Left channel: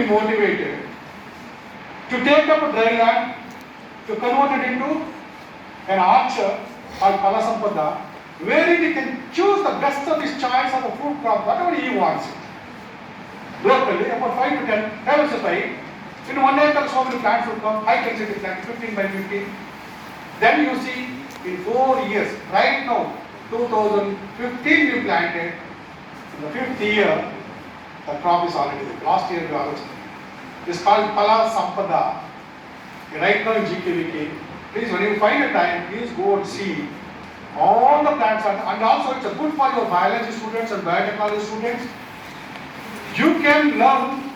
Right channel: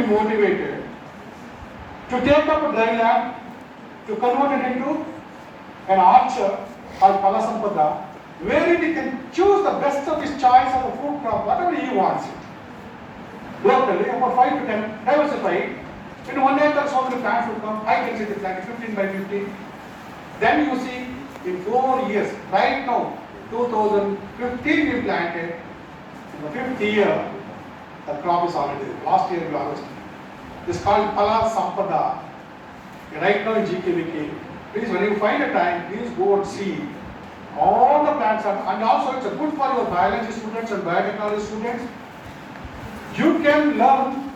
be motivated to take up a dry land, to convert it into an orchard called Palasampada, wherein he can choose the best of his choice of the food crop, whatever he wants it. Locally, about 5 to 10, diversify. In 1 acre, so many plants will come, high density plants, 15 by 15. Then you see, in 4 years, right now, 2015 we planted, in the 5th year, the crop is already there. Last year we harvested. This is called Pala Sampada. Right now in GKVK, please, when you find a time, please go and see all the plants are, and also it's good for your biology students and biotechnology students. You can learn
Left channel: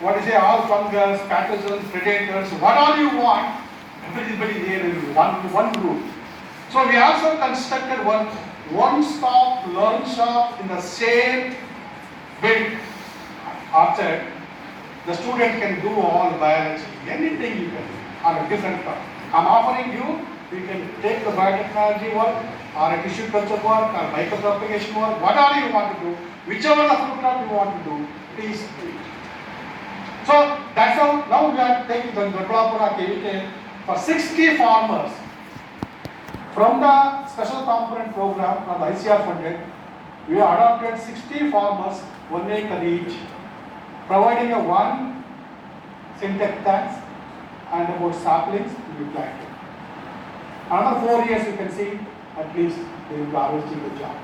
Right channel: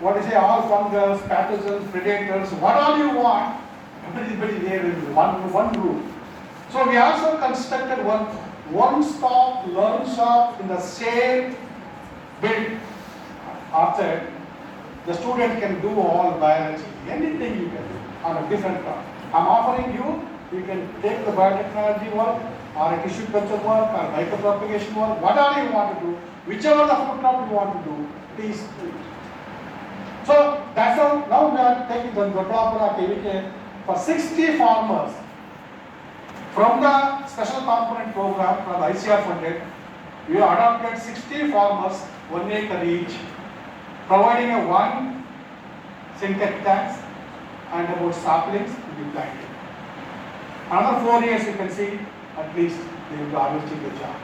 what is all fungus, pathogens, predators, what all you want. Everybody there in one room. So we also constructed one-stop learning shop in the same built orchard. The student can do all biology, anything you can do on a different crop. I'm offering you, you can take the biotechnology work or a tissue culture work or micropropagation work, whatever you want to do, whichever the fruit crop you want to do, please do it. So that's how now we are taking the Dodlapura KVK for 60 farmers from the special component program from the ICR funded. We have adopted 60 farmers, 1 acre each, providing a 1 synthetic tanks and about saplings to be planted. Another 4 years you can see at least they will be harvesting the job.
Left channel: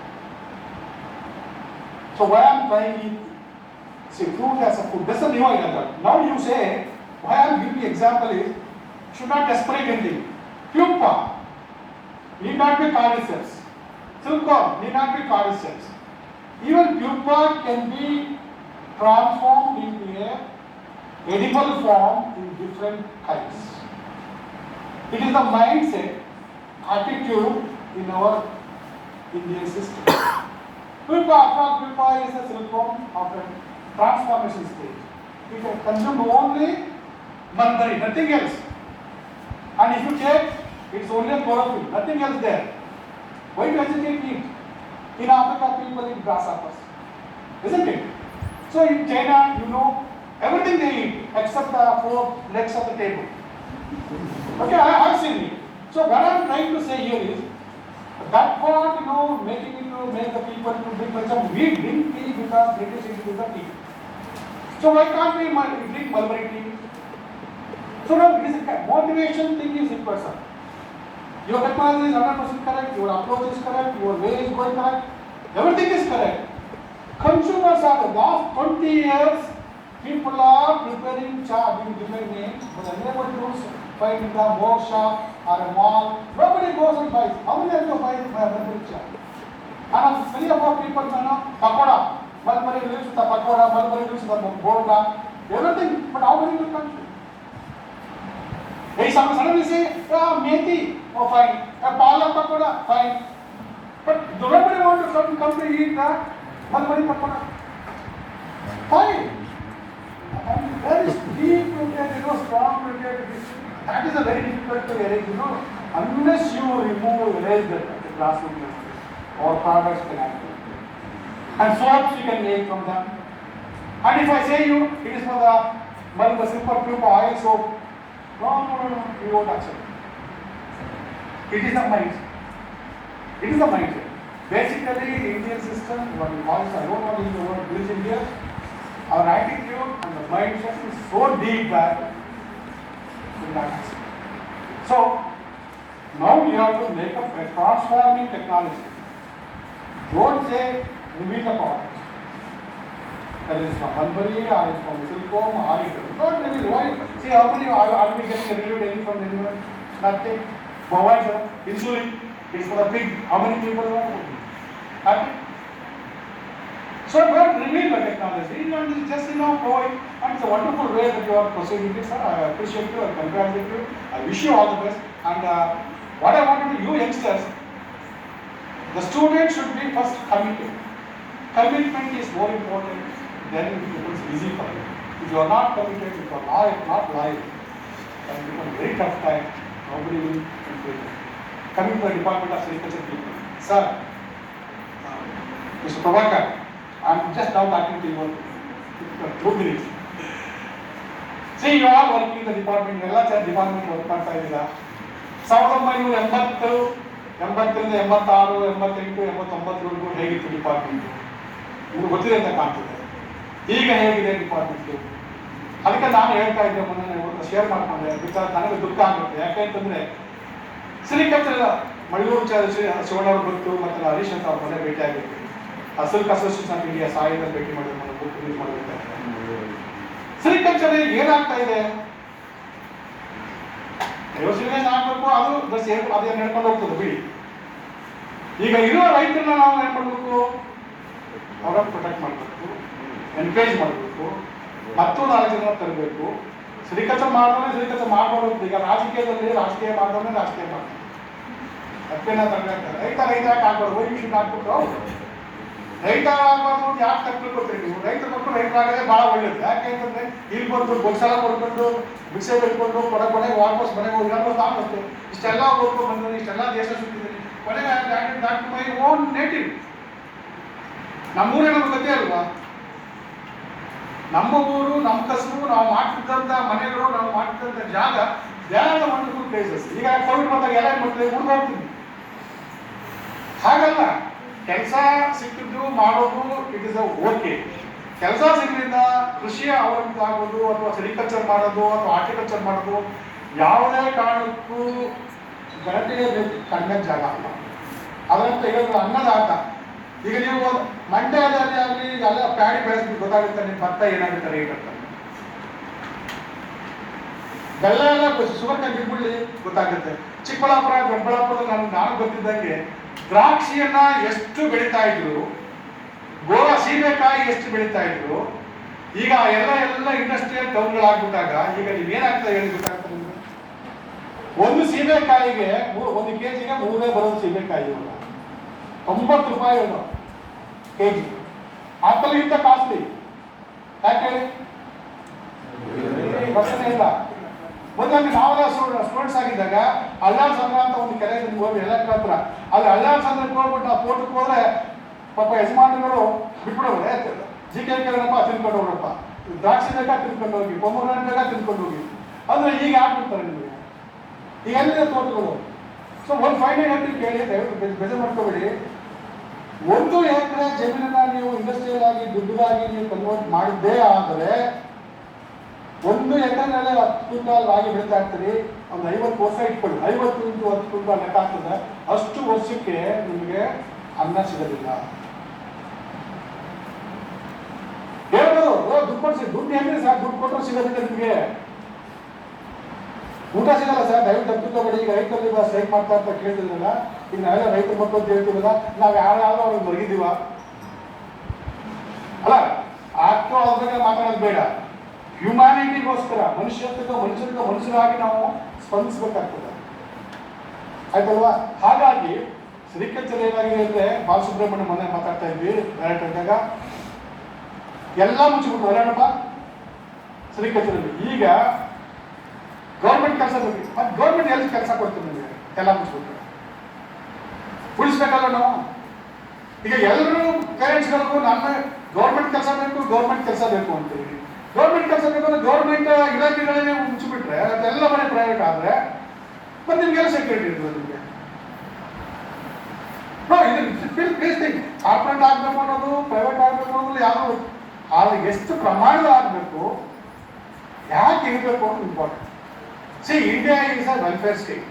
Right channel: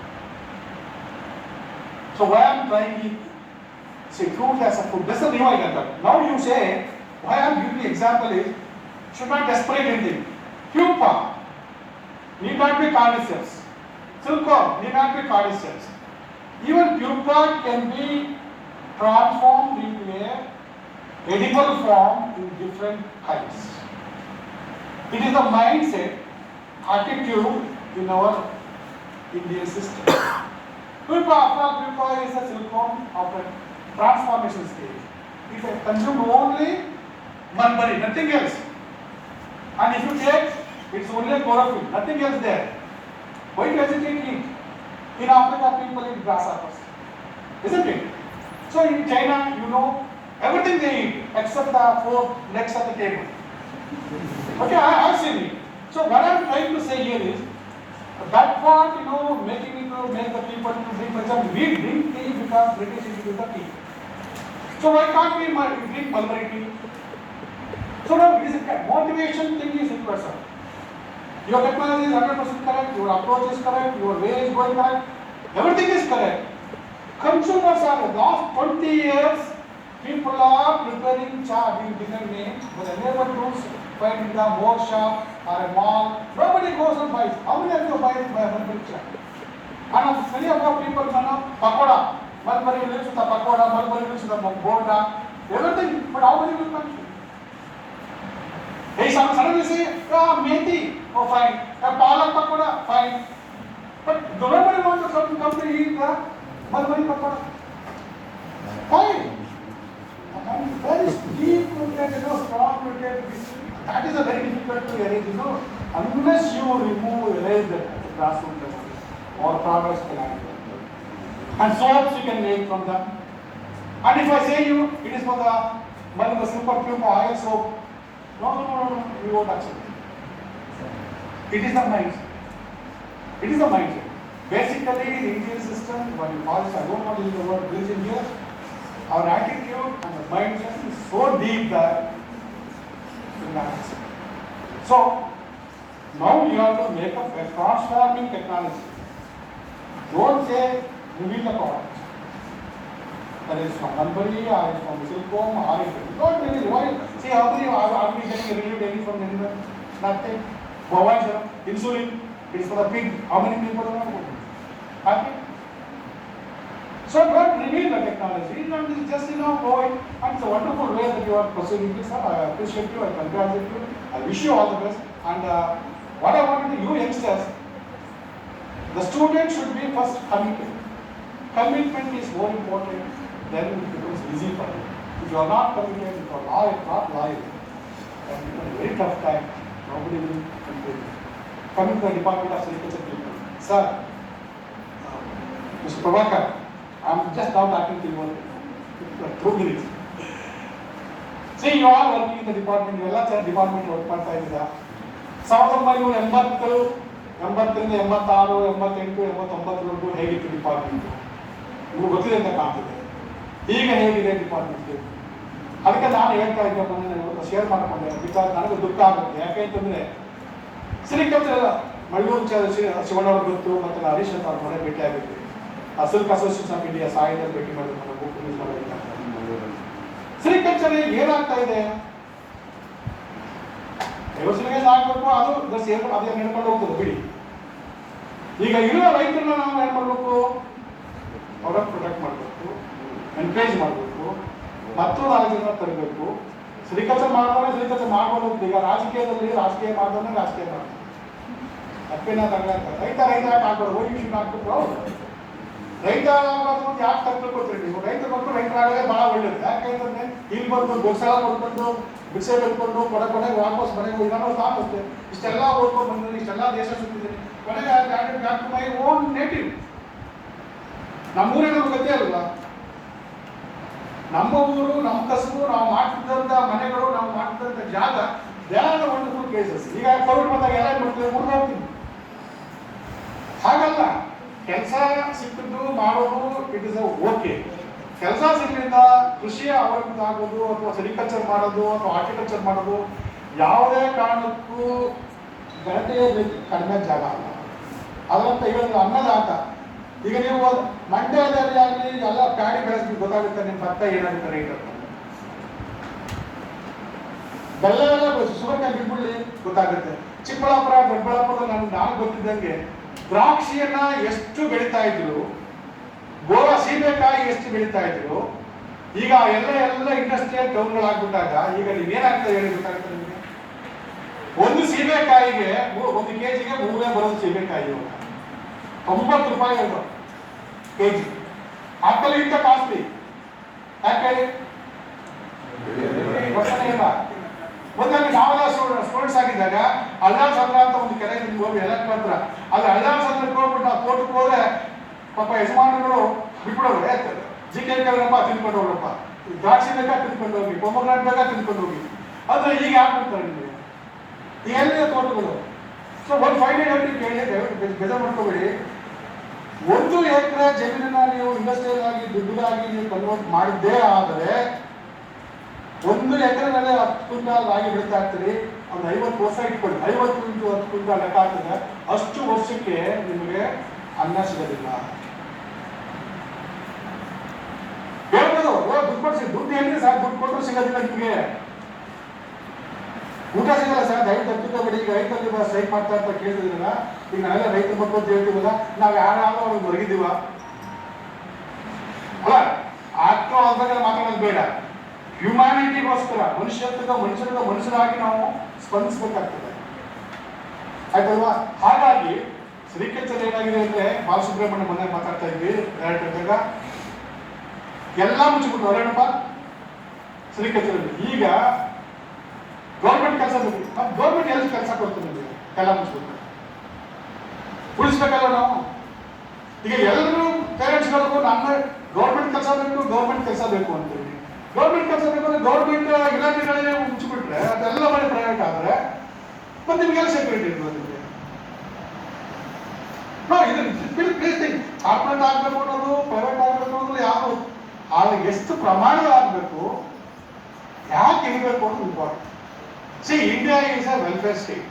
So why I am trying to see fruit as a food, that's a new idea. Now you say, why I am giving the example is, should not desperate anything. Pupa need not be carnivorous. Silkworm need not be carnivorous. Even pupa can be transformed into a edible form in different types. It is the mindset, attitude in our Indian system. Pupa is a silkworm of a transformation stage. It can consume only mulberry, nothing else. And if you take, it's only chlorophyll, nothing else there. Why do you hesitate to eat? In Africa, people eat grasshoppers, isn't it? So in China, you know, everything they eat except the 4 legs of the table. Okay, I have seen it. So what I am trying to say here is, that part, you know, making it to make the people to drink, for example, we drink tea because British introduced the tea. So why can't we drink mulberry tea? So now it is a motivation thing is in person. Your technology is 100% correct, your approach is correct, your way is going correct, everything is correct. Consumers are the last 20 years, people are preparing cha with different names, but the neighborhoods find in the more shop or a mall, nobody goes and buys. How many of you buy mulberry cha? And many of our people know pakoda, mulberry lives with the pakoda, mulberry lives with the bolda, everything, but how many will consume? Hey, someone suddenly say, methi, oh fine, palak pakoda, fine. But nobody wants to come to eat the mulberry pakoda. Fine. And there is deep rooted, strong rooted. That is a very difficult to erase, unless you erase the classroom or products can happen. And soaps you can make from them. And if I say you, it is for the simple pupa oil soap, no, you won't accept it. It is the mindset. It is the mindset. Basically, the Indian system, what you call, I don't want to use the word religion here, our attitude and the mindset is so deep that we not accept. So, now you have to make a transforming technology. Don't say, reveal the product. That is from mulberry or it's from silkworm or it. Don't reveal. Why? See, how many are we getting relieved any from anyone? Nothing. Bovine, insulin, it is for the pig. How many people are happy? So don't reveal the technology. It's just provide. And it's a wonderful way that you are proceeding this. I appreciate you and congratulate you. I wish you all the best. And what I wanted to you youngsters, the student should be first committed. Commitment is more important. Then it becomes easy for you. If you are not committed, if you are not loyal, then it becomes a very tough time. Nobody will encourage you. Coming to the Department of Agriculture people. Sir, Mr. Prabhakar, I am just now talking to you for 2 minutes. See you are working in the department, ಎಲ್ಲ department work ಮಾಡ್ತಾ ಇದ್ದೀರಾ. 1980 80ರಿಂದ 86 88 89ವರೆಗೂ ಹೇಗಿತ್ತು ಡಿಪಾರ್ಟ್ಮೆಂಟ್ ನಿಮ್ಗೆ ಗೊತ್ತಿದೆ ಅಂತ ಕಾಣ್ತದೆ. ಈಗ ಹೇಗಿದೆ ಡಿಪಾರ್ಟ್ಮೆಂಟ್? ಅದಕ್ಕೆ ನಾನು ಹೇಳ್ತಾ ಇದ್ದೆ, ಮೊನ್ನೆ ಶೇರ್ ಮಾಡ್ಕೊಂಡೆ ವಿಚಾರ. ನನಗೆ ದುಃಖ ಆಗುತ್ತೆ. ಯಾಕೆ ಅಂತಂದ್ರೆ ಸಿಲಿಕಲ್ಚರ್ ಮಳ್ಳೂರು ಶಿವಣ್ಣವ್ರ ಗೊತ್ತು, ಮತ್ತೆ ಹರೀಶ್ ಅಂತ ಅವ್ರ ಮನೆ ಭೇಟಿ ಆಗಿರ್ತೀವಿ. ಸಿಲ್ಕ್ ಅಸೋಸಿಯೇಷನ್ ಆಫ್ ಇಂಡಿಯಾ ಸಾಯಿನಲ್ಲಿ ಭೇಟಿ ಮಾಡಿದ್ರೆ ಬುಕ್ ಯೂಸ್ ಮಾಡಬೇಕಾಗ್ತದೆ. ಸಿಲಿಕಲ್ಚರ್ ಏನಾಗ್ತಾ ಇದೆ? ಯೋಚನೆ ಆಗ್ಬೇಕು, ಅದು ಬಸ್ ಅದೇ ನಡ್ಕೊಂಡು ಹೋಗ್ತದೆ ಬಿಡಿ. ಈಗ ಇರುವ ರೈತರನ್ನ ನಾವು ಏನ್ ಮಾಡ್ಬೇಕು? ಅವರ ಪ್ರೊಟೆಕ್ಟ್ ಮಾಡಬೇಕು, ಎನ್ಕರೇಜ್ ಮಾಡಬೇಕು, ಮತ್ತು 4 ಜನ ತರಬೇಕು. ಸಿಲಿಕಲ್ಚರ್ ಮಾಡಿದ್ರೆ ಸಿಲಿಕಲ್ಚರ್ ಮಾಡ್ಬೋದು. ಈಗ ರಾಜಕೀಯದಲ್ಲಿ ರಾಜಕೀಯ ಮಾಡಿದ್ರೆ ರಾಜಕೀಯ ಮಾಡ್ತಾರೆ. ತಪ್ಪೇನ ರೈತ ಯಾಕೆ ಆಗ್ಬಾರ್ದು? ವೈವಿಷನ್ ಹಾಕ್ಬಿಟ್ಟು ರೈತ ಆಗ್ಬಾರ್ದು ಯಾಕೆ ತಪ್ಪು ಕೊಡ್ತೀರಿ ನೀವು? ರೈತರ ಮಕ್ಕಳು ರೈತರಾಗದೆ ಬಹಳ ಒಳ್ಳೇದು. ಯಾಕೆ ಅಂತಂದ್ರೆ ಇಲ್ಲಿ ಬಂದು ಗೊಲ್ಸಾಲ ಕೊಡ್ಕೊಂಡು ಭಿಕ್ಷೆ ಬೆಳ್ಕೊಂಡು ಕೊನೆಗೆ ವಾಪಸ್ ಮನೆಗೆ ಹೋಗಿ ನಾನು ಸಾಕಷ್ಟು ಇಷ್ಟೆಲ್ಲ ಓದ್ಕೊಂಡು ಬಂದಿದ್ದೀನಿ, ಇಷ್ಟೆಲ್ಲ ದೇಶ ಸುತ್ತಿದ್ದೀನಿ, ಕೊನೆಗೆ back to my own native. ನಮ್ಮೂರೇ ನಮ್ಗೆ ಗೊತ್ತೇ ಅಲ್ವಾ? ನಮ್ಮ ಊರು, ನಮ್ಮ ಕಸಬು, ನಾವು ಮಾಡ್ತಿದ್ದಂಥ ಮನೆಗಳು, ನಾವು ಮಾಡ್ತಿದ್ದಂಥ ಜಾಗ, ಧ್ಯಾನ ವಂಡರ್ಫುಲ್ ಪ್ಲೇಸಸ್. ಈಗ ಕೋವಿಡ್ ಬಂದಾಗ ಎಲ್ಲ ಮಾಡ್ತೀವಿ, ಹುಡುಗ ಹಾಗಲ್ಲ. ಕೆಲಸ ಸಿಕ್ಕಿದ್ದು ಮಾಡೋದು ಇಟ್ ಇಸ್ ಓಕೆ. ಕೆಲಸ ಸಿಗಲಿಲ್ಲ ಕೃಷಿಯ ಅವಲಂಬಿತ ಆಗೋದು, ಅಥವಾ ಸೆರಿಕಲ್ಚರ್ ಮಾಡೋದು, ಅಥವಾ ಹಾರ್ಟಿಕಲ್ಚರ್ ಮಾಡೋದು ಯಾವುದೇ ಕಾರಣಕ್ಕೂ ಗಣತಿಗೆ ಕಡಿಮೆ ಜಾಗ ಅಲ್ಲ. ಅದರಂತ ಹೇಳೋದು ಅನ್ನದಾತ. ಈಗ ನೀವು ಮಂಡ್ಯದಲ್ಲಿ ಆಗಲಿ ಎಲ್ಲ ಪ್ಯಾಡಿ ಬೆಳೆಸ್ಲಿಕ್ಕೆ ಗೊತ್ತಾಗುತ್ತೆ ನಿಮ್ಮ ಭತ್ತ ಏನಾಗುತ್ತೆ ರೇಟ್ ಅಂತ. ಬೆಲ್ಲ ಎಲ್ಲ ಸುಗಂಧ ಬಿಟ್ಬಿಡ್ಲಿ ಗೊತ್ತಾಗುತ್ತೆ. ಚಿಕ್ಕಬಳ್ಳಾಪುರ, ದೊಡ್ಡಬಳ್ಳಾಪುರದಲ್ಲಿ ನಾನು ಗೊತ್ತಿದ್ದಂಗೆ ದ್ರಾಕ್ಷಿಯನ್ನ ಎಷ್ಟು ಬೆಳೀತಾ ಇದ್ರು, ಗೋವಾ ಸೀಬೆಕಾಯಿ ಎಷ್ಟು ಬೆಳೀತಾ ಇದ್ರು. ಈಗ ಎಲ್ಲ ಇಂಡಸ್ಟ್ರಿಯಲ್ ಟೌನ್ಗಳಾಗ್ಬಿಟ್ಟಾಗ ಈಗ ನೀವೇನಾಗ್ತಾ ಹೇಳಿ ಗೊತ್ತಾಗ್ತದೆ ನಿಮಗೆ? ಒಂದು ಸೀಬೆಕಾಯಿಗೆ 1 ಕೆಜಿಗೆ 3 ಬರೋದು ಸೀಬೆಕಾಯಿ 90 ರೂಪಾಯಿ ಕೆಜಿ. ಆಪಲ್ ಇಂತ ಕಾಸ್ಟ್ಲಿ. ಯಾಕೆ ಇಲ್ಲ? ಮೊದಲು ನಾವೆಲ್ಲ ಸ್ಟೂಡೆಂಟ್ಸ್ ಆಗಿದ್ದಾಗ ಅಲ್ಲಾಳ್ ಸಮರ ಅಂತ ಒಂದು ಕೆರೆ ಹೋಗಿ ಎಲ್ಲ ಹತ್ರ, ಆದ್ರೆ ಅಲ್ಲಾಳ್ ಸಮರಕ್ಕೆ ಹೋಗ್ಬಿಟ್ಟು ನಾವು ತೋಟಕ್ಕೆ ಹೋದ್ರೆ ಪಾಪ ಯಜಮಾನರು ಬಿಟ್ಬಿಡೋರು. ಜಿಕೆ ಕರೆನಪ್ಪ ತಿನ್ಕೊಂಡು ಹೋಗ್ರಪ್ಪ, ದ್ರಾಕ್ಷಿ ಬೇಕಾ ತಿನ್ಕೊಂಡು ಹೋಗಿ, ಪೊಮಗ್ರಾನೇಟ್ ಬೇಕಾ ತಿನ್ಕೊಂಡು ಹೋಗಿ. ಅಂದ್ರೆ ಈಗ ಆಗ್ಬಿಡ್ತಾರೆ ನಿಮಗೆ. ಈಗ ಎಲ್ಲಿದೆ ತೋಟಗಳು? ಸೊ ಒಂದು ಫೈನಲ್ ಕೇಳಿ ದಯವಿಟ್ಟು ಬೇಜಾರು ಮಾಡ್ಕೋಬೇಡಿ. 1 ಎಕರೆ ಜಮೀನನ್ನ ನೀವು ಇಂಡಸ್ಟ್ರಿಯಲ್ ಆಗಿ ದುಡ್ಡಿಗಾಗಿ ನೀವು ಕನ್ವರ್ಟ್ ಮಾಡಿದ್ದೇ ಆದರೆ 1 ಎಕರೆನಲ್ಲಿ 10 ಕ್ವಿಂಟಾಲ್ ರಾಗಿ ಬೆಳೀತಾ ಇರ್ತೀರಿ. ಒಂದು 50 ವರ್ಷ ಇಟ್ಕೊಳ್ಳಿ, 50 into 10 ಕ್ವಿಂಟಾಲ್ ಲೆಕ್ಕ ಆಗ್ತದೆ. ಅಷ್ಟು ವರ್ಷಕ್ಕೆ ನಿಮಗೆ ಅನ್ನ ಸಿಗೋದಿಲ್ಲ. ಹೇಳ್ಬೋದು ದುಡ್ಡು ಕೊಡ್ಸಿ, ದುಡ್ಡು ಹೆಂಗಿದೆ ಸರ್? ದುಡ್ಡು ಕೊಟ್ಟರು ಸಿಗೋದಿಲ್ಲ ನಿಮಗೆ, ಊಟ ಸಿಗಲ್ಲ ಸರ್. ದಯವಿಟ್ಟು ತಪ್ಪಿದ್ದಬೇಡಿ. ಈಗ ರೈತರಿಂದ ಸ್ಟ್ರೈಕ್ ಮಾಡ್ತಾ ಅಂತ ಕೇಳ್ತಿದ್ರಲ್ಲ, ಈಗ ನಾವೆಲ್ಲ ರೈತರ ಮಕ್ಕಳು ಅಂತ ಹೇಳ್ತೀವಲ್ಲ, ನಾವು ಯಾರು ಅವ್ರಿಗೆ ಹೊರಗಿದ್ದೀವ ಅಲ್ಲ? ಆಕ್ಟೋ ಆದಾಗ ಮಾತಾಡೋದು ಬೇಡ. ಹ್ಯುಮ್ಯಾನಿಟಿಗೋಸ್ಕರ, ಮನುಷ್ಯರಾಗಿ ನಾವು ಸ್ಪಂದಿಸಬೇಕಾಗ್ತದೆ, ಆಯ್ತಲ್ವಾ? ಹಾಗಾಗಿ ಸಿಲಿಕಲ್ಚರ್ ಏನಾಗಿದೆ ಅಂದ್ರೆ, ಬಾಲಸುಬ್ರಹ್ಮಣ್ಯ ಮನೆ ಮಾತಾಡ್ತಾ ಇದ್ವಿ ಡೈರೆಕ್ಟ್ ಆದಾಗ ಎಲ್ಲ ಮುಚ್ಚಿಬಿಟ್ಟು ಹೊರಡಪ್ಪ ಸಿಲಿಕಲ್ಚರ್. ಈಗ ಗೌರ್ಮೆಂಟ್ ಕೆಲಸ ಬೇಕು, ಗೌರ್ಮೆಂಟ್ ಎಲ್ಲಿ ಕೆಲಸ ಕೊಡ್ತೀವಿ ನಮಗೆ? ಎಲ್ಲ ಮುಚ್ಚಿಬಿಟ್ಟು ಉಳಿಸ್ಬೇಕಲ್ಲ ನಾವು. ಈಗ ಎಲ್ಲರೂ ಪೇರೆಂಟ್ಸ್ಗಳಿಗೂ ನಮ್ಮ ಗೌರ್ಮೆಂಟ್ ಕೆಲಸ ಬೇಕು, ಗೌರ್ಮೆಂಟ್ ಕೆಲಸ ಬೇಕು ಅಂತೀವಿ. ಗೌರ್ಮೆಂಟ್ ಕೆಲಸ ಬೇಕು ಅಂದ್ರೆ ಗೌರ್ಮೆಂಟ್ ಇಲಾಖೆಗಳೇ ಮುಚ್ಚಿಬಿಟ್ರೆ, ಅದೆಲ್ಲ ಮನೆ ಪ್ರೈವೇಟ್ ಆದ್ರೆ ಮತ್ತೆ ನಿಮ್ಗೆಲ್ಲ ಸೆಕ್ಯೂರಿಟಿ ಇರ್ತದೆ ನಿಮಗೆ. ಕಾರ್ಪೊರೇಟ್ ಆಗ್ಬೇಕು ಅನ್ನೋದು, ಪ್ರೈವೇಟ್ ಆಗ್ಬೇಕು ಅನ್ನೋದು ಯಾವುದು, ಆದ್ರೆ ಎಷ್ಟು ಪ್ರಮಾಣದ ಆಗ್ಬೇಕು, ಯಾಕೆ ಇರಬೇಕು ಅನ್ನೋದು important. C, India is a welfare state.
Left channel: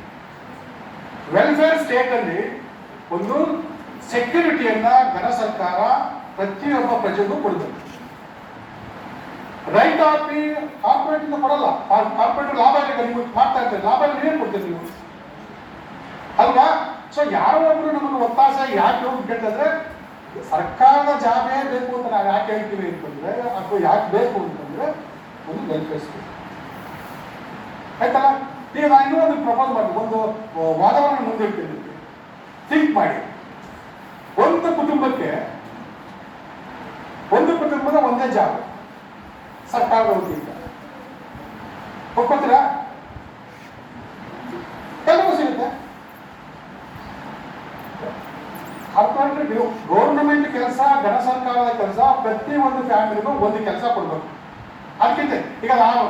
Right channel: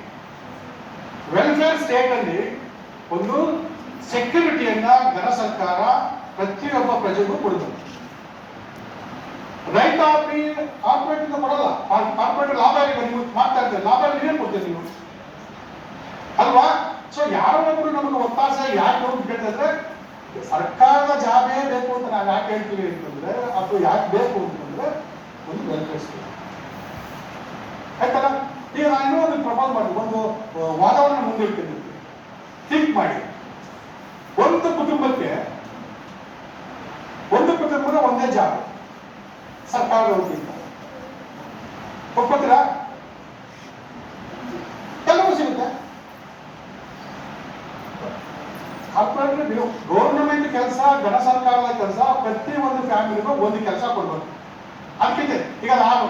Welfare state ಅಲ್ಲಿ ಒಂದು ಸೆಕ್ಯೂರಿಟಿಯನ್ನ ಘನ ಸರ್ಕಾರ ಪ್ರತಿಯೊಬ್ಬ ಪ್ರಜೆಗೂ ಕೊಡಬೇಕು. ರೈತ ಕಾರ್ಪೊರೇಟ್ ಇಂದ ಕೊಡಲ್ಲ. ಕಾರ್ಪೊರೇಟ್ ಲಾಭ ನಿಮ್ಗೆ ಮಾಡ್ತಾ ಇರ್ತಾರೆ, ಲಾಭ ನೀವೇನು ಕೊಡ್ತೀರಿ ನೀವು ಅಲ್ವಾ? ಸೊ ಯಾರೋ ಒಬ್ರು ನಮಗೆ ಒತ್ತಾಸೆ ಯಾಕೆ ಹೋಗಿ ಕೇಳ್ತಿದ್ರೆ, ಸರ್ಕಾರದ ಜಾಬೇ ಬೇಕು ಅಂತ ನಾವು ಯಾಕೆ ಹೇಳ್ತೀವಿ ಅಂತಂದ್ರೆ, ಅಥವಾ ಯಾಕೆ ಬೇಕು ಅಂತಂದ್ರೆ ಒಂದು ವೆಲ್ಫೇರ್ ಸ್ಟೇಟ್, ಆಯ್ತಲ್ಲ? ಈಗ ನಾನು ಇನ್ನೂ ಒಂದು ಪ್ರಪೋಸ್ ಮಾಡಿ ಒಂದು ವಾದವನ್ನು ಮುಂದಿಡ್ತೀನಿ. ಥಿಂಕ್ ಮಾಡಿ, ಒಂದು ಕುಟುಂಬದ ಒಂದೇ ಜಾಬ್ ಸರ್ಕಾರದ ವತಿಯಿಂದ ಒಪ್ಕೋತೀರಾ? ಎಲ್ಲವೂ ಸಿಗುತ್ತೆ. ಗೌರ್ಮೆಂಟ್ ಕೆಲಸ, ಘನ ಸರ್ಕಾರದ ಕೆಲಸ, ಪ್ರತಿ ಒಂದು ಫ್ಯಾಮಿಲಿಗೂ ಒಂದು ಕೆಲಸ ಕೊಡ್ಬೇಕು. ಅದಕ್ಕಿಂತ ಈಗ ನಾನು